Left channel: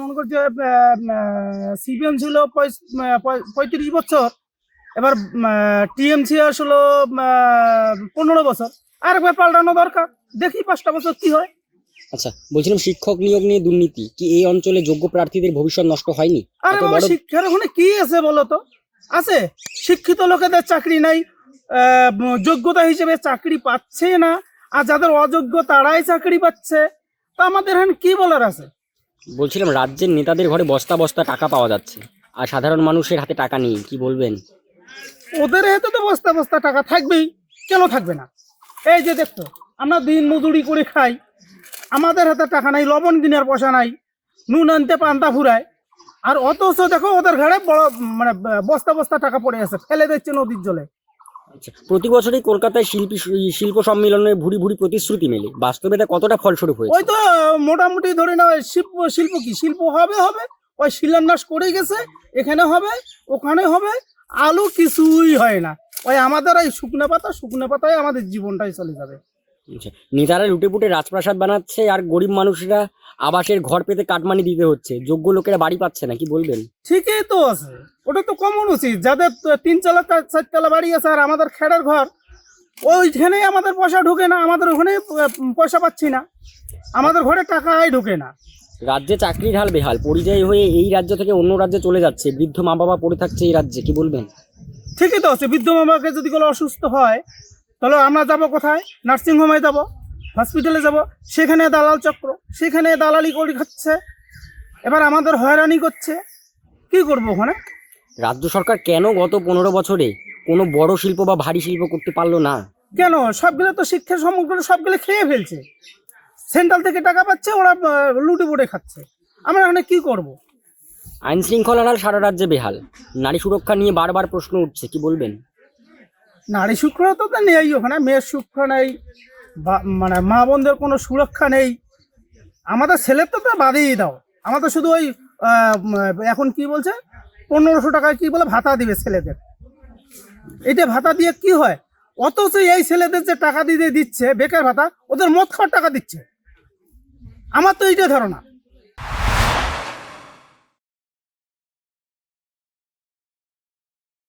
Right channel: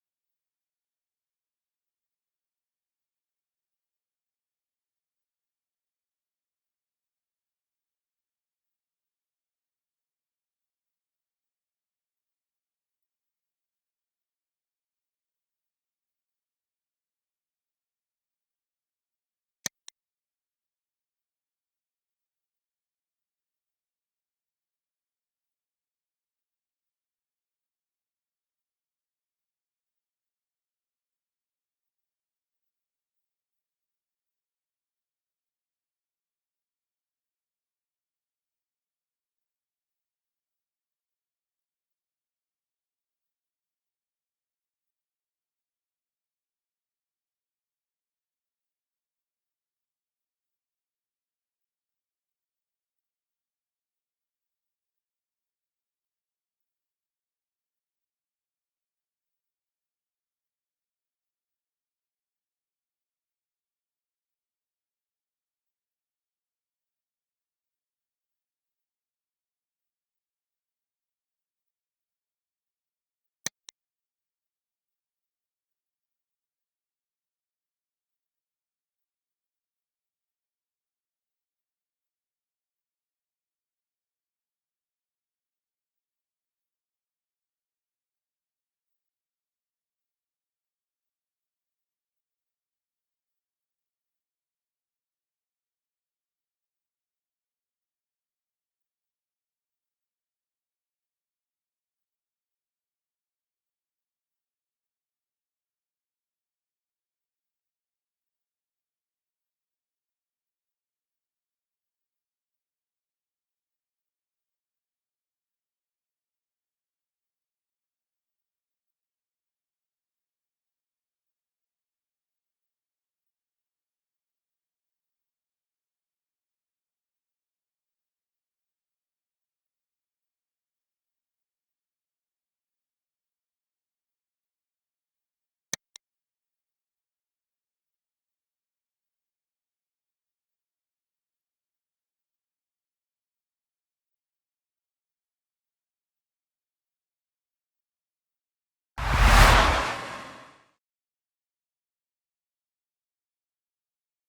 মনে করছে সিপিএম ছিল 35 বছর, এবার টিএমসি আসলো 15 বছর, আর একবার পাল্টানো দরকার, দেখি 5টা বছর কি হয়। আচ্ছা, বলছিলাম শিক্ষক নিয়োগ নিয়ে দুর্নীতি কি এই অঞ্চলে যোগ্য প্রার্থীদের ভবিষ্যৎ নষ্ট হয়নি? আরে এত বাবা, বড় শিক্ষার ওখানে কি আছে বলো তো? আছে, শিক্ষিত লোকেদের চাকরি নাই, যোগ্যতা হিসেবে চাকরি পাচ্ছে না, আর যাদের অযোগ্য তারাই চাকরি পাচ্ছে। তা আমাদের এখানে কি বলার আছে? বলছিলাম রাজ্যের নেতাদের ঘরে বস্তা বস্তা টাকা পাওয়া যাচ্ছে আর সাধারণ মানুষের হাতে টাকা নেই, কি বলবেন? ওদের হাতে তো বস্তা বস্তা টাকা থাকবেই, কেন থাকবে না? এই যে দেখতো, আমরা দিন মজুরি করে খাই, আমাদের হাতে টাকা নাই, লবণ কেনার পয়সা নাই, নুন আনতে পান্তা ফুরায়, আর অথচ দেখো ওদের ঘরে বড় মানে বস্তা বস্তা টাকা পড়ে আছে, ফেলে দিচ্ছে নদীর জলে। আচ্ছা, প্রতি বছরই কলকাতায় শিল্প সম্মেলনে ভুরি ভুরি প্রতিশ্রুতি মেলে, বাস্তবে তা কতটা ফলস্বরূপ ওই হয়েছে? তো মোটামুটি ধরে না, শিল্প শিল্প কি শিল্প হবে হবে, ওই শিলান্যাস করে গেছে, এখানে হবে ওখানে হবে, আলু কিছুই হয় না। ওই আমাদের এই শুকনো পাতায় আমাদের জীবনটাই চলে যাবে। আচ্ছা, নেতারা লুটেপুটে রাজপ্রাসাদ বানাচ্ছে আর গরিব মানুষরা আবাসের ঘর পেতে কাটমানি দিতে হচ্ছে, যোগ্য লোকেরা বাড়ি পাচ্ছে না, কি বলবেন? ঠিকই তো আছে, ওটা তো কমন উচিত, যাদের 3 তলা 4 তলা বাড়ি আছে আর আমাদের খেড়ের ঘর, ওইখানেই আমাদের পয়সা ঢোকে না, আমাদের ওখানে পয়সা পাচ্ছি না, আমাদের ঘরে টাকাই ঢোকে না। রাজ্যে চাকরির হাল বেহাল, পরিযায়ী হয়ে এই রাজ্য থেকে অন্য রাজ্যে চলে যাচ্ছে, বৃদ্ধ মা বাবা পড়ে থাকছে এই রাজ্যে, কি বলবেন? ঠিকই তো আছে, বৃদ্ধ মামাকে যদি কোনো অসুস্থ হয়, তাহলে আমরা যাব কোথায়? নার্সিংহোমে যাব, হসপিটালে যাব, সেখানে দালাল চক্র, সেখানে দালালি করে খাচ্ছে, এবার আমাদের হয়রানি করছে, কি করবো ওখানে? রাজ্য সরকার কেন গত 15 বছরে কোনো বড় শিল্প বা ভারী শিল্প করতে পারলো না? কেন? সবগুলো তো শিক্ষার সমগ্র সবগুলো খেয়ে ফেলছে, সেন্ট্রাল থেকে টাকা পাচ্ছে, ওরা লুটে পুটে খাচ্ছে, আমরা এখানে কি করব? আইন শৃঙ্খলার হাল সারা রাজ্যে বেহাল, নারী সুরক্ষা নিয়ে বারবার প্রশ্ন উঠছে, কি বলবেন? নারী সুরক্ষা তো নেই ওখানে, মেয়ের সুরক্ষা নেই, মানে মা বোনদের কোনো সুরক্ষা নেই, আমাদের ছেলের তো বাদেই দাও, আমাদের শুধু ওই এখন কি বলছে, 1500 টাকায় কি বলে ভাতা দিবে ছেলেদের, এইটা ভাতা দিয়ে কি হয়? অথচ এই ছেলেদের যে টাকা দিতে দিচ্ছে বেকার ভাতা, ওদের মদ খাওয়ার টাকা দিচ্ছে, আমার তো এইটা ধারণা।